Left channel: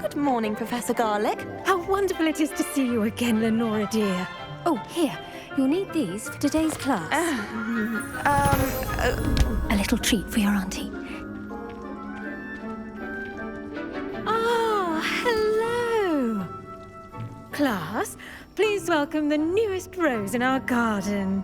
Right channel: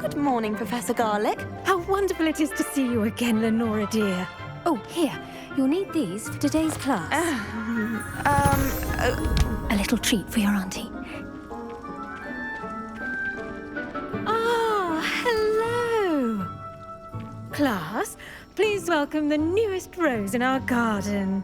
Good morning, Professor Garlick. How wonderful it is to see you again, Lenora dear. Oh, here. You'll need these for today's class. A little treat for your auntie. Oh, hello. Class, please welcome the newest rose in our garden.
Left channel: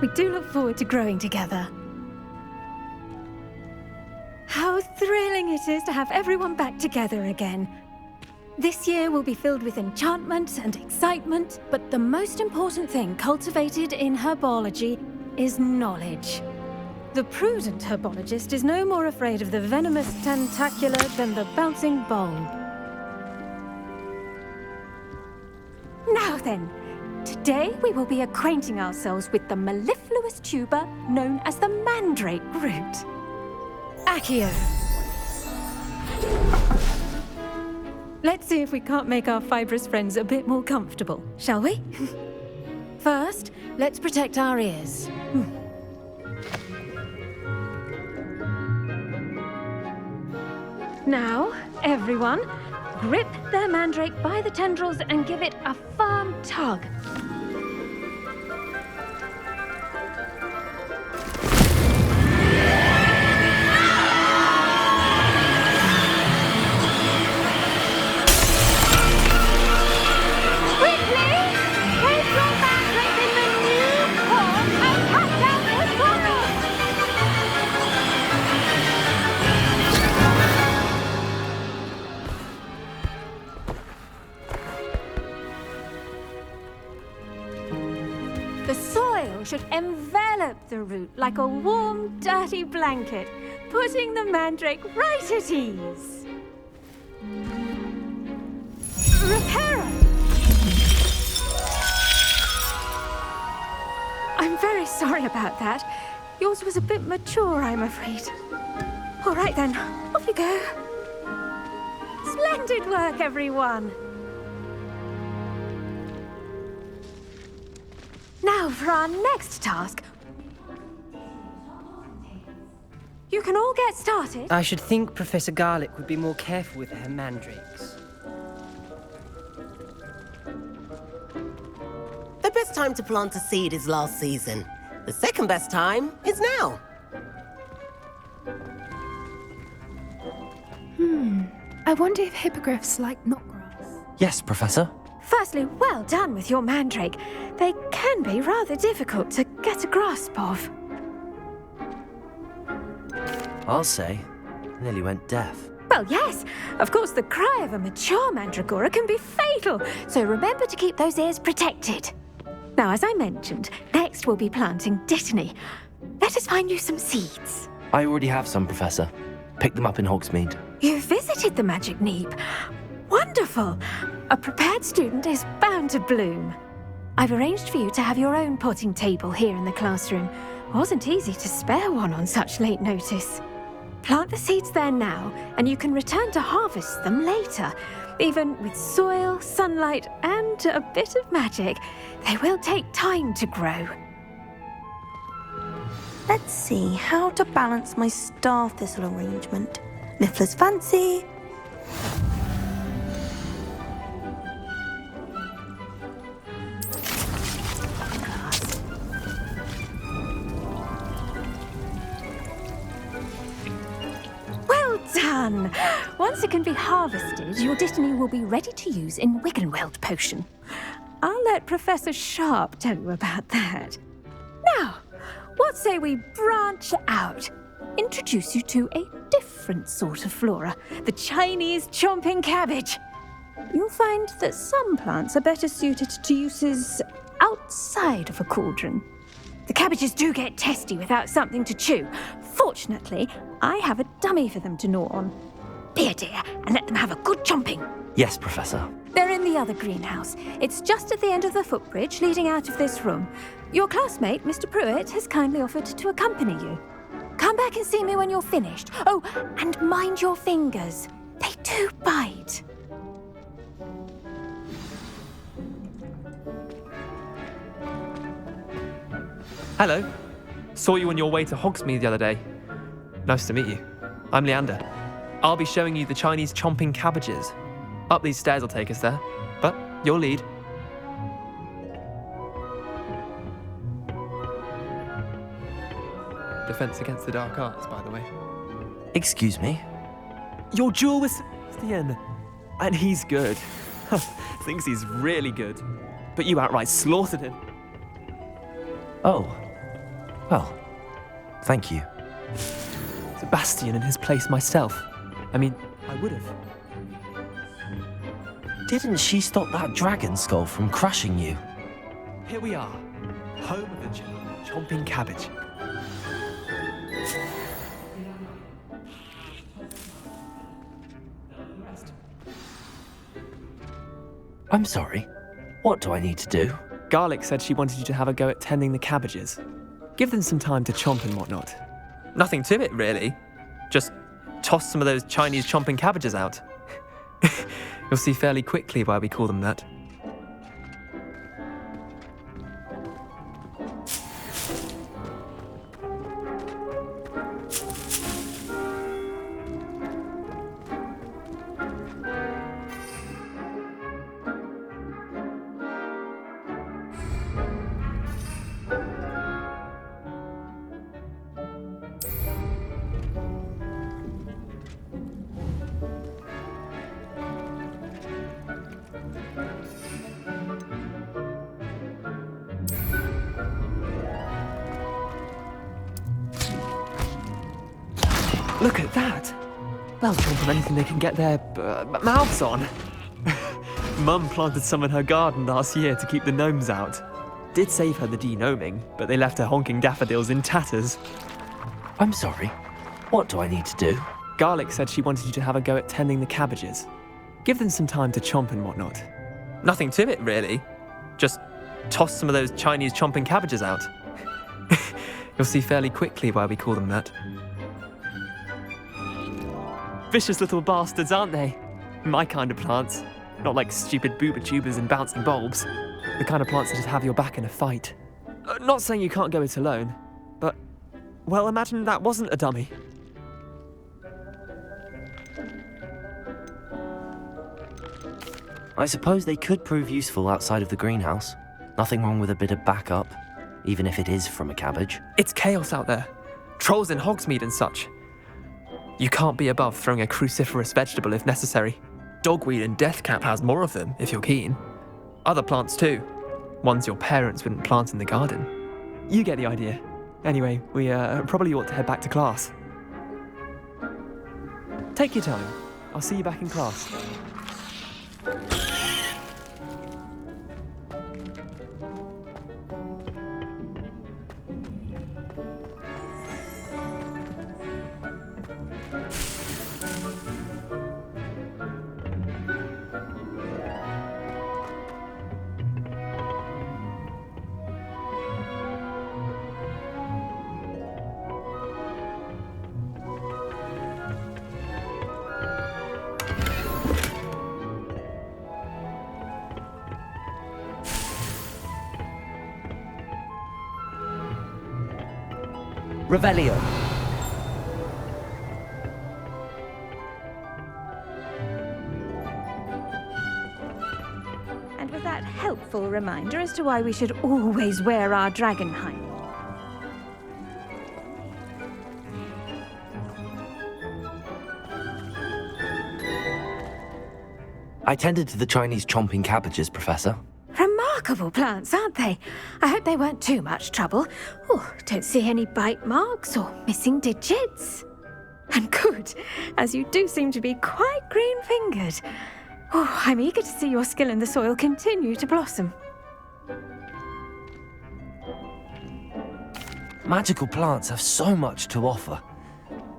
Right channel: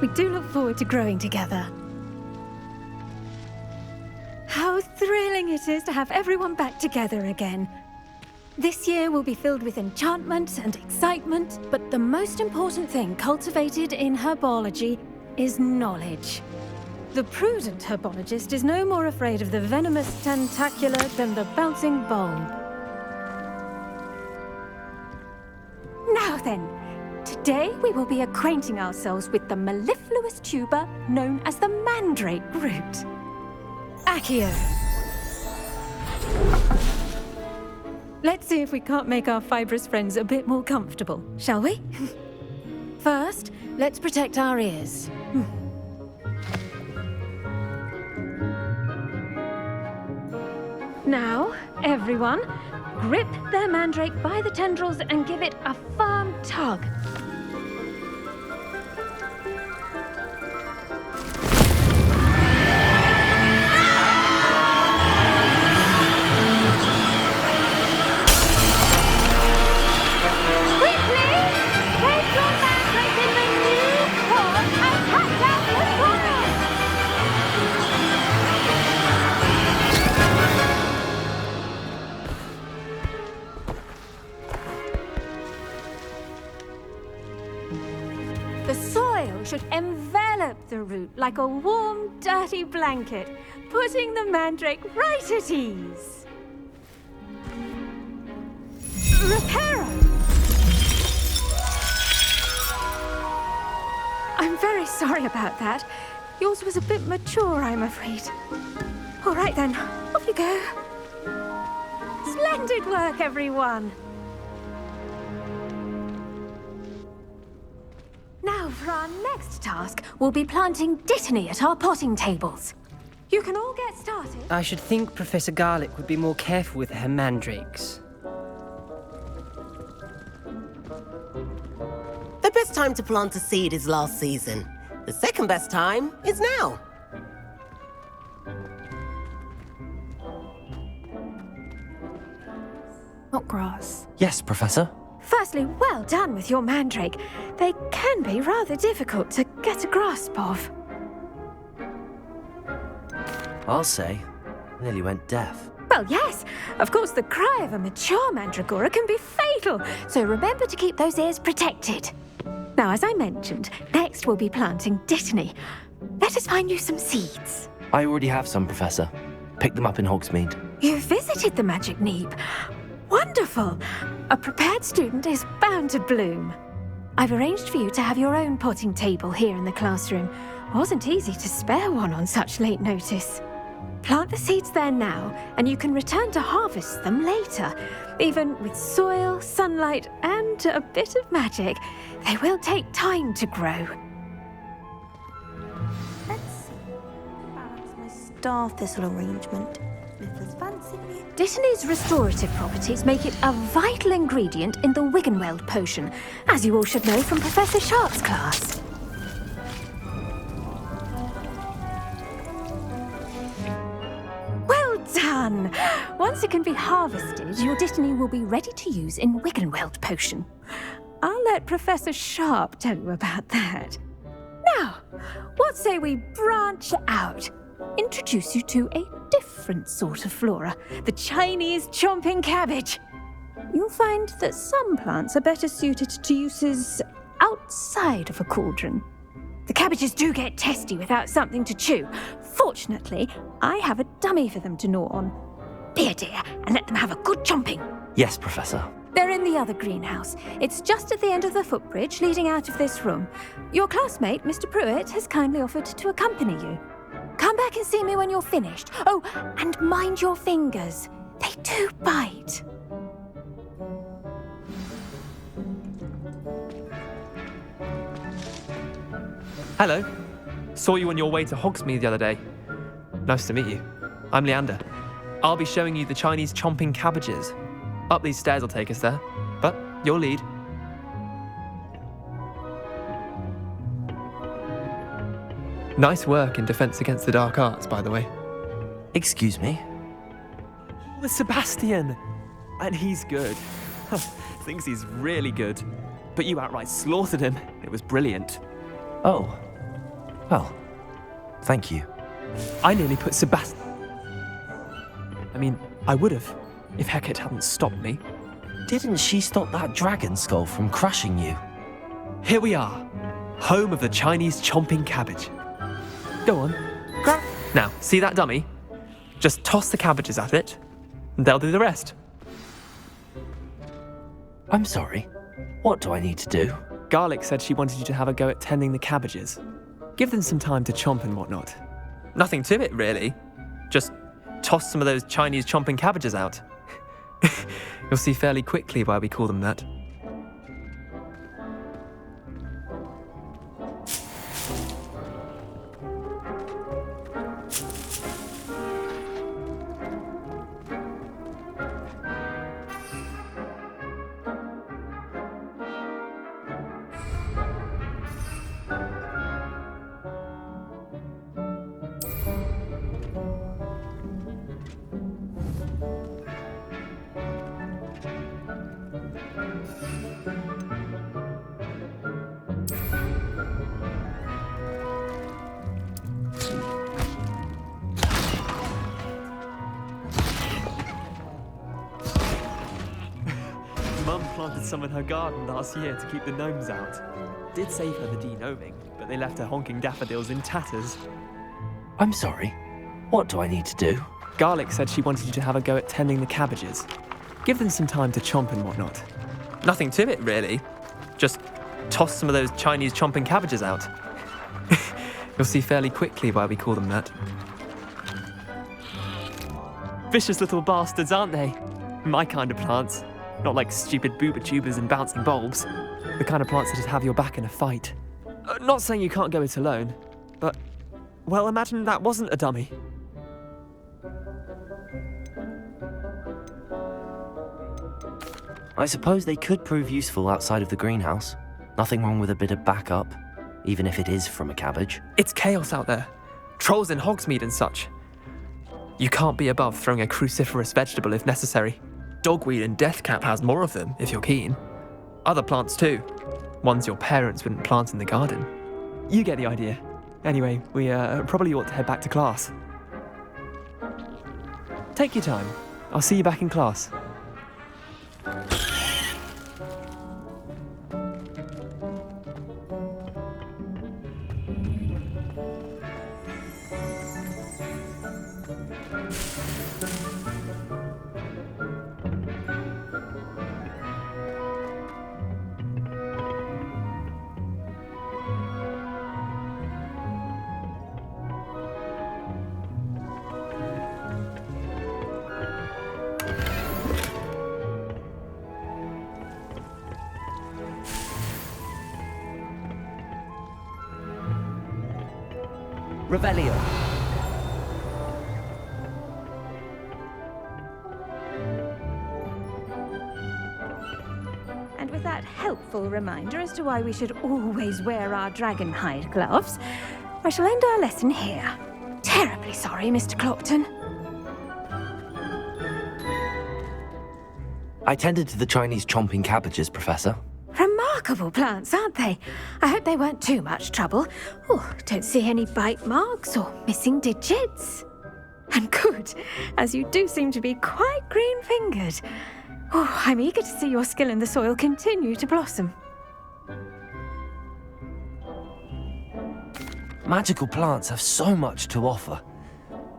We do look forward to growing together. How thrilling it is to have everyone back together again. This year will be filled with enchantment and excitement, but the most important thing cultivated in herbology is knowledge. The prudent herbologist is no more afraid of the venomous tentacula than the bouncing bulb. Now then, today we will be acquainting ourselves with the mellifluous tuber known as the mandrake root. Accio. Let's see if we can't make our fibrous friends a bit more comfortable, shall we? First, let's protect our ears. Now, everyone, grip their mandrake by the tendrils and give it a firm tug. The soil should envelop the root like a warm, dirty blanket, putting the mandrake right at ease. Reparo! I'm very sorry about that. Yours was a bit mature, I'm afraid. All right then, off you go. Splendid work, everyone. Now, for our next task, we'll be planting dittany at our potting tables. You can all get started. I should think Professor Garlick would be more careful with her mandrakes. The best time to plant a seed is last season. The second best time is now. I wonder if hippogriffs like knotgrass. Yes, Professor. Firstly, well done with your mandrake. They can be rather difficult to get a grasp of. I'll say, nearly went deaf. Well, yes. Of course, the cry of a mature mandragora can be fatal, so remember to keep those ears protected. Now, as I mentioned, next we'll be planting dittany. Let us find you some seeds. I already have some, Professor. Picked them up in Hogsmeade. You visited the Magic Neep. Wonderful! A prepared student is bound to bloom. I've arranged for you to have your own potting table here in the classroom. Wasn't easy to spare one on such late notice. Plant the seeds there now, and you can return to harvest them later. Even with soil, sunlight, and a bit of magic, they will take time to grow. Let's see how to balance my star thistle arrangement. Miffler's fancy. Dittany's restorative properties make it a vital ingredient in the Wiggenweld potion, as you all should know from Professor Sharp's class. Well done! Once it can be harvested, your dittany will be ready to use in Wiggenweld potion. I'll let Professor Sharp tell you about that. Now, what say we branch out? Introduce you to a different sort of flora, the Chinese chomping cabbage. You'll find that some plants are better suited to uses outside of a cauldron. The cabbages do get testy without something to chew. Fortunately, I have a dummy for them to gnaw on. Be a dear and let them have a good chomping. Yes, Professor. They're in the other greenhouse. It's just at the end of the footbridge leading out of this room. Your classmate, Mr. Pruitt, has kindly offered to accompany you. Come back and see me when you're finished. Oh, and mind your fingers. They do bite. Hello. Saw you on your way to Hogsmeade the other day. Nice to meet you. I'm Leander. I'll be showing you the Chinese chomping cabbages. Up these stairs will take us there, but your lead. Nice work in defense against the dark arts, by the way. Excuse me? Your duel with Sebastian! And he's good. Thinks he's really good. But you outright slaughtered him. It was brilliant. Oh. Well, thank you. I nearly put Sebastian in his place myself. I mean, I would have, if Hecate hadn't stopped me. Didn't she stop that dragon skull from crushing you? Here we are, home of the Chinese chomping cabbage. Go on, grab. Now, see that dummy? Just toss the cabbages at it, and they'll do the rest. I'm sorry. What do I need to do? Garlic said she wanted you to have a go at tending the cabbages. Give them some time to chomp and whatnot. Nothing to it, really. Just toss some of those Chinese chomping cabbages out. You'll see fairly quickly why we call them that. Look at that! They'll come from anything they can get their mouths on. Mum planted some in her garden last year to keep the gnomes out. Did save her the de-gnoming, but they left her honking daffodils in tatters. I'm sorry. What do I need to do? Garlic said she wanted you to have a go at tending the cabbages. Give them some time to chomp and whatnot. Nothing to it, really. Just toss some of those Chinese chomping cabbages out. You'll see fairly quickly why we call them that. Vicious little bastards, aren't they? My kind of plants. Not like stupid booba tubers and bouncing bulbs. The kind of plants that just have your back in a fight. Not saying you can't go it alone, but, well, imagine that wasn't a dummy. I suppose they could prove useful outside of the greenhouse. Nothing wrong with a bit of backup, even if it is from a cabbage. It's chaos out there. Trolls in Hogsmeade and such. You can't be above throwing a cruciferous vegetable if necessary. Dogweed and deathcap has more of them, if you're keen. Other plants too. Ones your parents wouldn't plant in the garden. You get the idea. Anyway, we probably ought to head back to class. Take your time. I'll see you back in class. Revelio. And with that helpful reminder as to why we should always wear our dragon hide gloves, I shall end our lesson here. Terribly sorry, Mr. Clopton. I tended to the Chinese chomping cabbages, Professor. Remarkable plants, aren't they? I hope they weren't too much trouble. Oh, don't see any bite marks or missing digits. And good, as you do seem to be quite green-fingered. Oh, I'm eager to see your skill in the soil continue to blossom. Magical plants have so much to offer.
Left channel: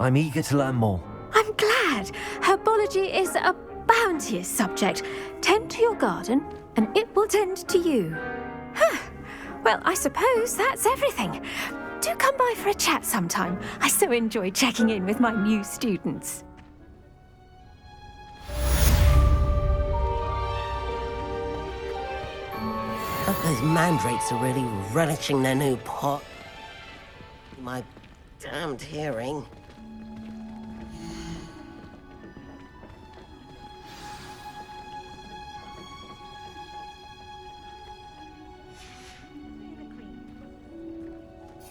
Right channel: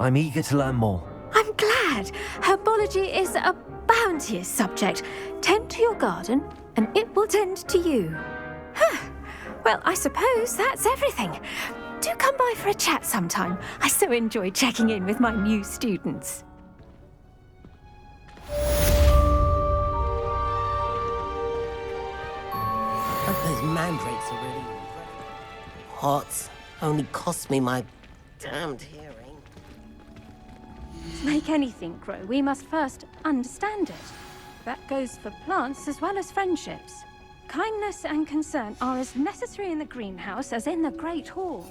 I'm eager to learn more. I'm glad. Herbology is a bounteous subject. Tend to your garden, and it will tend to you. Huh. Well, I suppose that's everything. Do come by for a chat sometime. I so enjoy checking in with my new students. Hope those mandrakes are really relishing their new pots. Only cost me my damned hearing. make anything grow, we must first understand it. That goes for plants as well as friendships. Kindness and concern are as necessary in the greenhouse as in the Great Hall.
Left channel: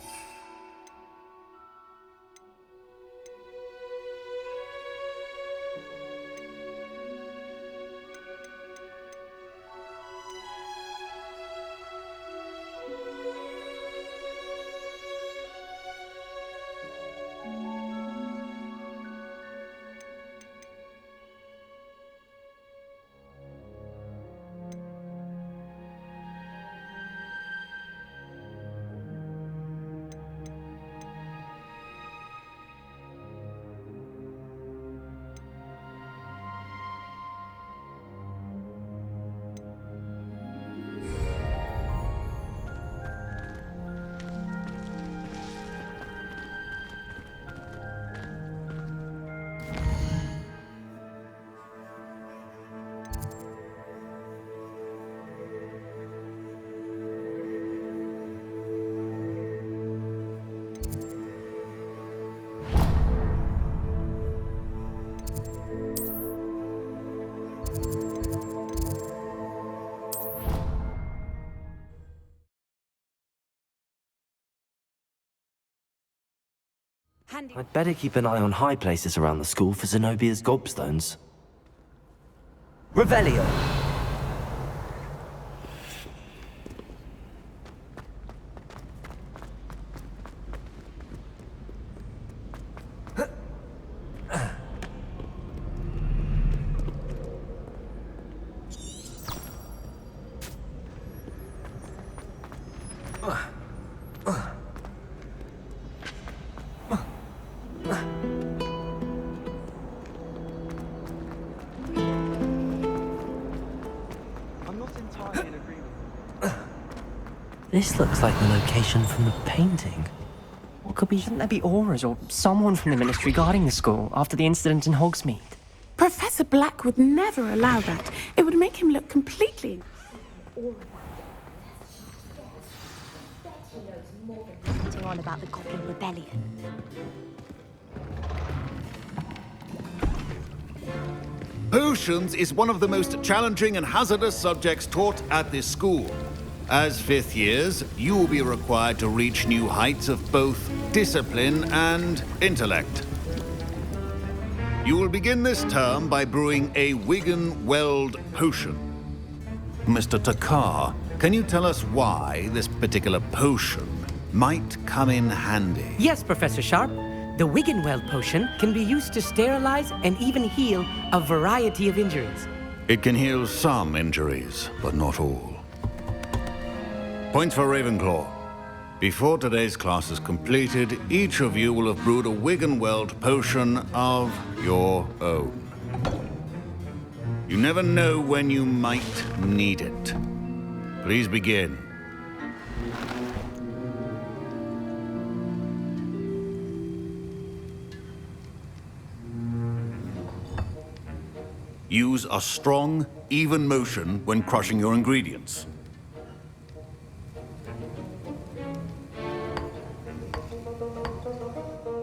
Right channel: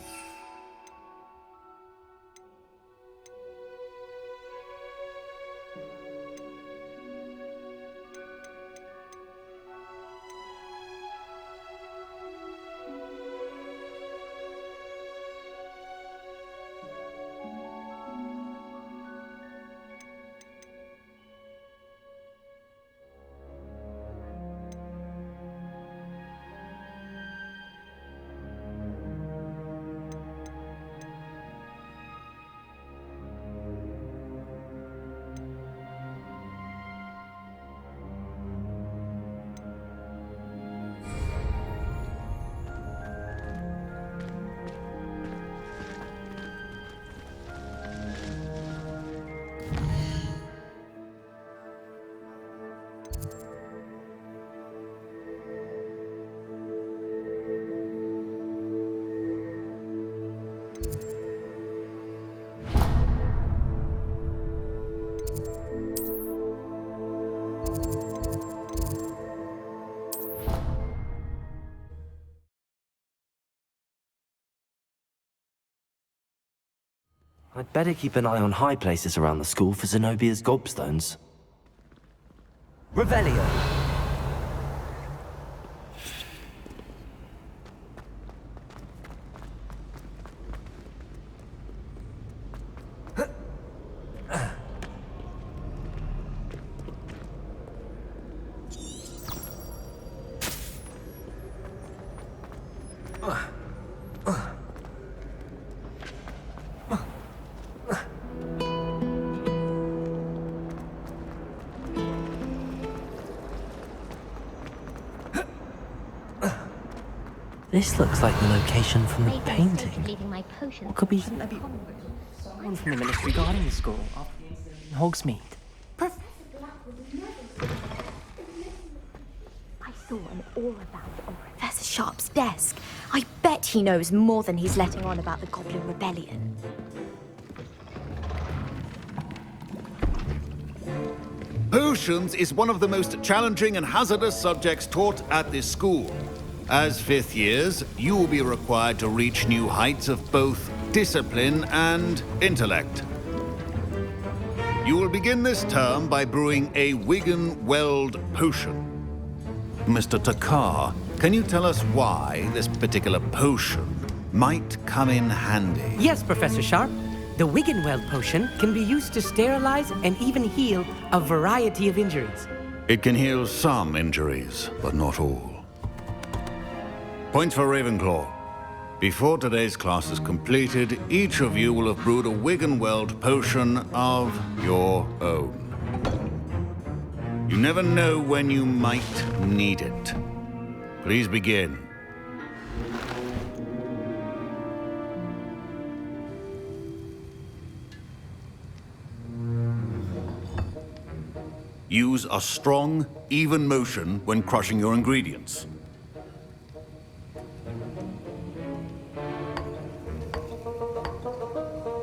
I'd better keep an eye on high places around the school for Zenobia's gobstones. Revelio. This looks like the location from the painting. What could be... Shouldn't there be auras or someone from the Ministry guarding the school after the incident in Hogsmeade? Professor Black would never allow that. It would make him look completely... I saw an aura band on Professor Sharp's desk. I bet he knows more than he's letting on about the Goblin Rebellion. Potions is one of the most challenging and hazardous subjects taught at this school. As fifth years, you will be required to reach new heights of both discipline and intellect. You will begin this term by brewing a Wigan-Weld potion. Mr. Takar, can you tell us why this particular potion might come in handy? Yes, Professor Sharp. The Wiggenweld potion can be used to sterilize and even heal a variety of injuries. It can heal some injuries, but not all. Points for Ravenclaw. Before today's class is completed, each of you will have brewed a Wiggenweld potion of your own. You never know when you might need it. Please begin. Use a strong, even motion when crushing your ingredients.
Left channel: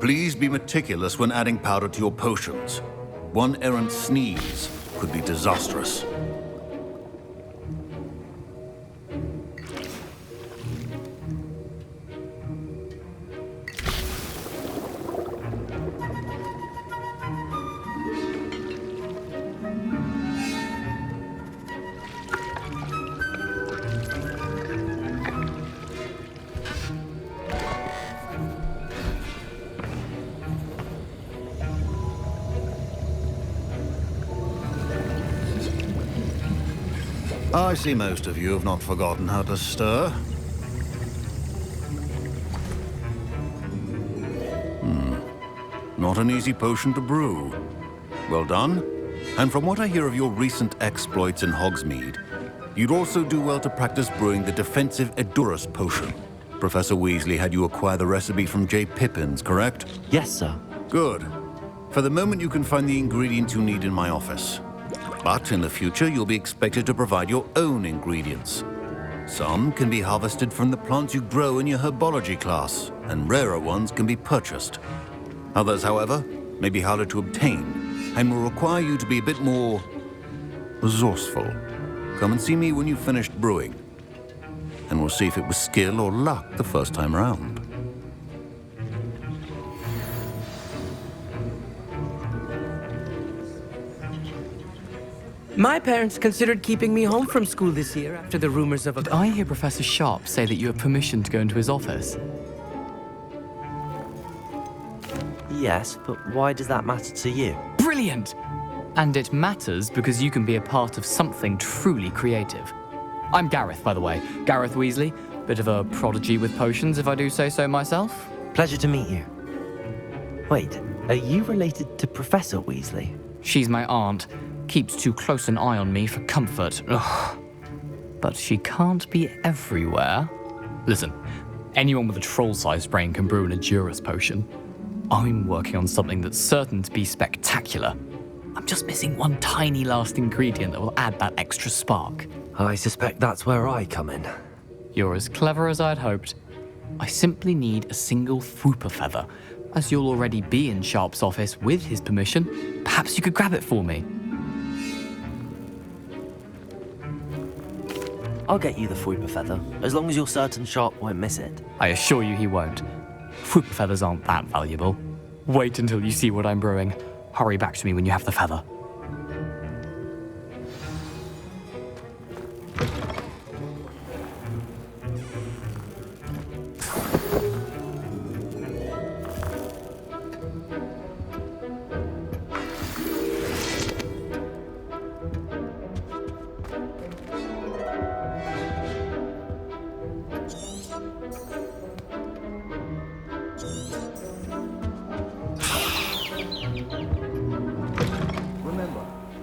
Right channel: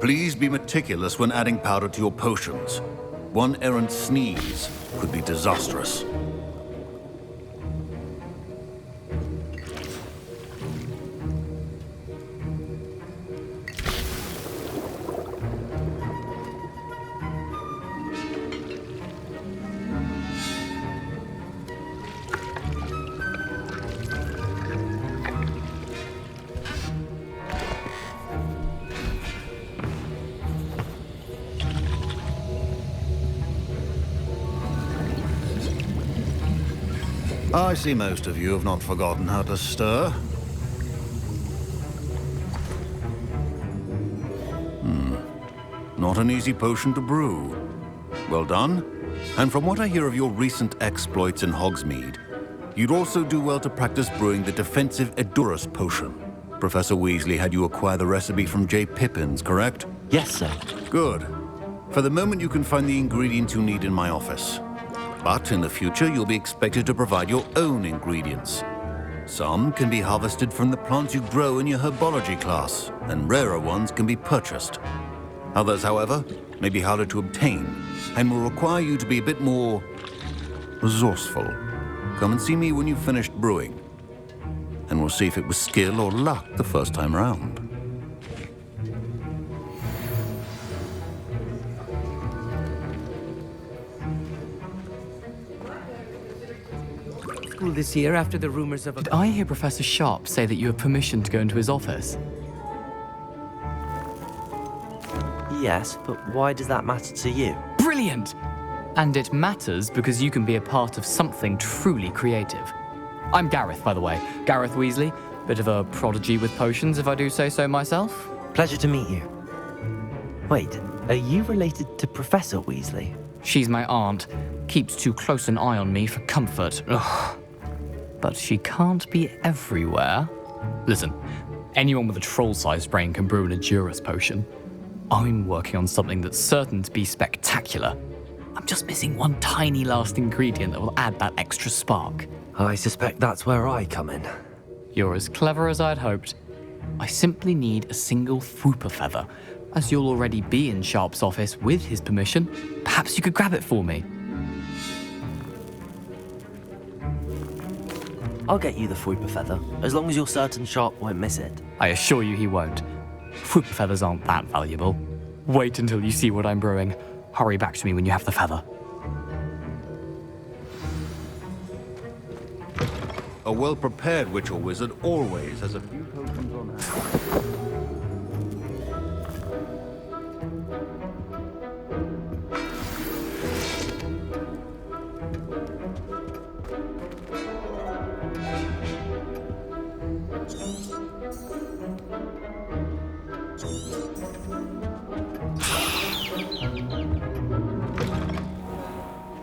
Please be meticulous when adding powder to your potions. One errant sneeze could be disastrous. I see most of you have not forgotten how to stir. Not an easy potion to brew. Well done. And from what I hear of your recent exploits in Hogsmeade, you'd also do well to practice brewing the defensive Edurus potion. Professor Weasley had you acquire the recipe from J. Pippins, correct? Yes, sir. Good. For the moment, you can find the ingredients you need in my office. But in the future, you'll be expected to provide your own ingredients. Some can be harvested from the plants you grow in your Herbology class, and rarer ones can be purchased. Others, however, may be harder to obtain, and will require you to be a bit more resourceful. Come and see me when you've finished brewing, and we'll see if it was skill or luck the first time round. My parents considered keeping me home from school this year after the rumors of a... Did I hear Professor Sharp say that you have permission to go into his office? Yes, but why does that matter to you? Brilliant! And it matters because you can be a part of something truly creative. I'm Gareth, by the way. Gareth Weasley. Bit of a prodigy with potions, if I do say so myself. Pleasure to meet you. Wait, are you related to Professor Weasley? She's my aunt. Keeps too close an eye on me for comfort. Ugh. But she can't be everywhere. Listen, anyone with a troll-sized brain can brew an Edurus potion. I'm working on something that's certain to be spectacular. I'm just missing one tiny last ingredient that will add that extra spark. I suspect that's where I come in. You're as clever as I'd hoped. I simply need a single Fwooper feather. As you'll already be in Sharp's office with his permission, perhaps you could grab it for me. I'll get you the Fwooper feather, as long as you're certain Sharp won't miss it. I assure you he won't. Fwooper feathers aren't that valuable. Wait until you see what I'm brewing. Hurry back to me when you have the feather. A well-prepared witch or wizard always has a few potions on hand.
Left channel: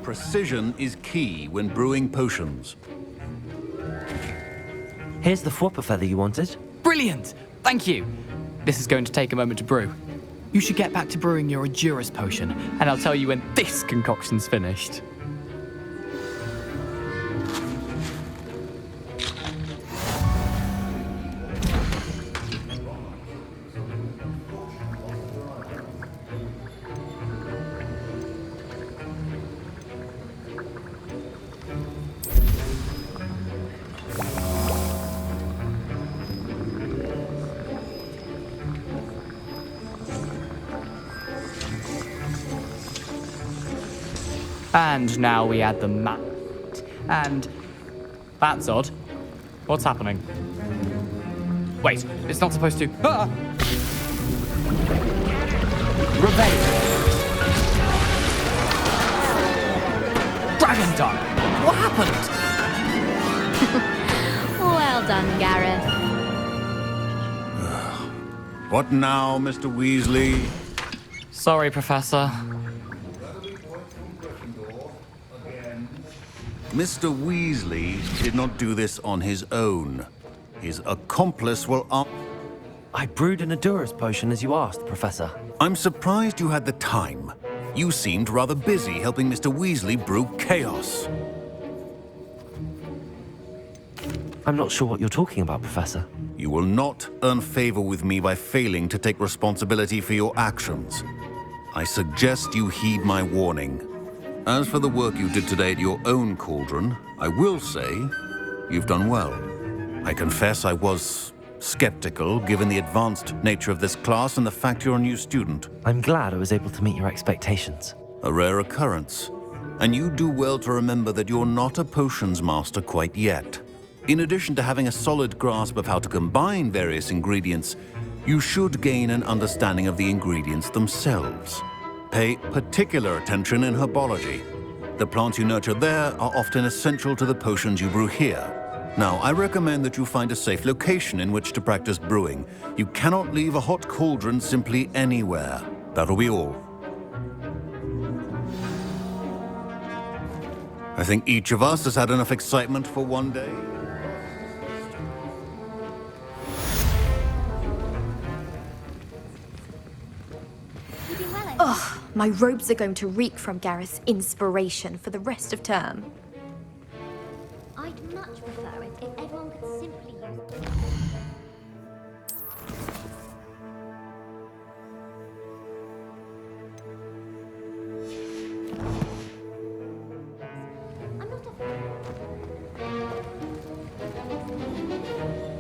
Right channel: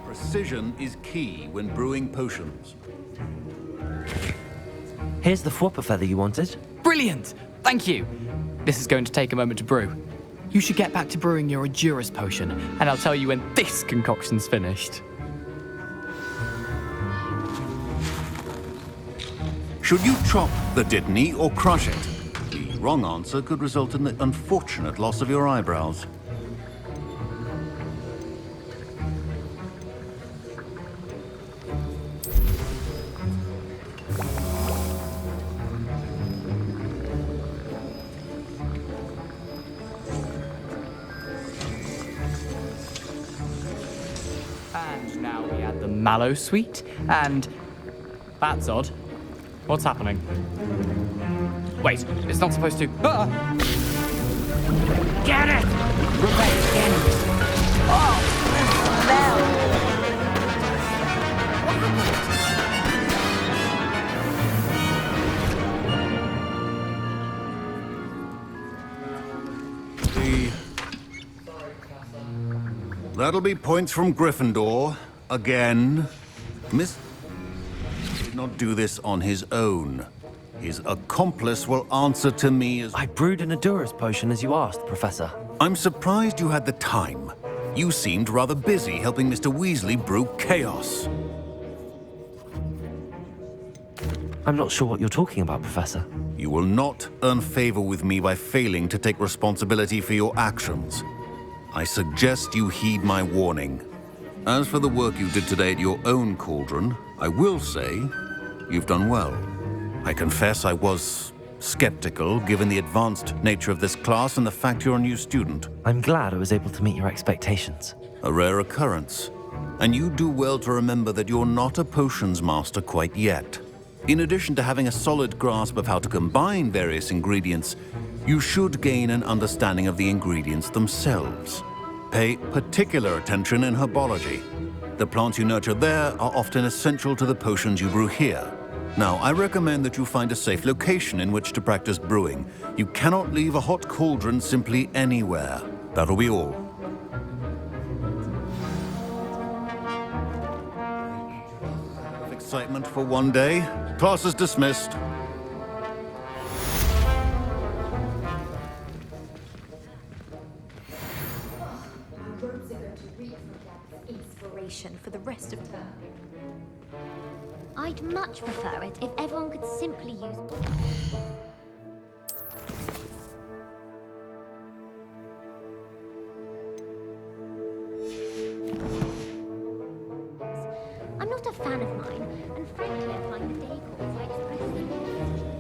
Precision is key when brewing potions. Here's the Fwooper feather you wanted. Brilliant! Thank you! This is going to take a moment to brew. You should get back to brewing your Edurus potion, and I'll tell you when this concoction's finished. Should you chop the Dittany or crush it? The wrong answer could result in the unfortunate loss of your eyebrows. And now we add the mallow sweet, and... That's odd. What's happening? Wait, it's not supposed to... Ah! Get it! Revenge! Dragon Dart! What happened? Well done, Gareth. What now, Mr. Weasley? Sorry, Professor. That'll be points from Gryffindor. Again. Mr. Weasley did not do this on his own. His accomplice will answer to me as... I brewed an Edurus potion as you asked, Professor. I'm surprised you had the time. You seemed rather busy helping Mr. Weasley brew chaos. I'm not sure what you're talking about, Professor. You will not earn favor with me by failing to take responsibility for your actions. I suggest you heed my warning. As for the work you did today at your own cauldron, I will say you've done well. I confess I was skeptical, given the advanced nature of this class and the fact you're a new student. I'm glad I was able to meet your expectations. A rare occurrence. And you do well to remember that you're not a potions master quite yet. In addition to having a solid grasp of how to combine various ingredients, you should gain an understanding of the ingredients themselves. Pay particular attention in herbology. The plants you nurture there are often essential to the potions you brew here. Now, I recommend that you find a safe location in which to practice brewing. You cannot leave a hot cauldron simply anywhere. That'll be all. I think each of us has had enough excitement for one day. Class is dismissed. Ugh, my robes are going to reek from Gareth's inspiration for the rest of term. I'd much prefer it if everyone could simply use... I'm not a fan of mine, and frankly, I find the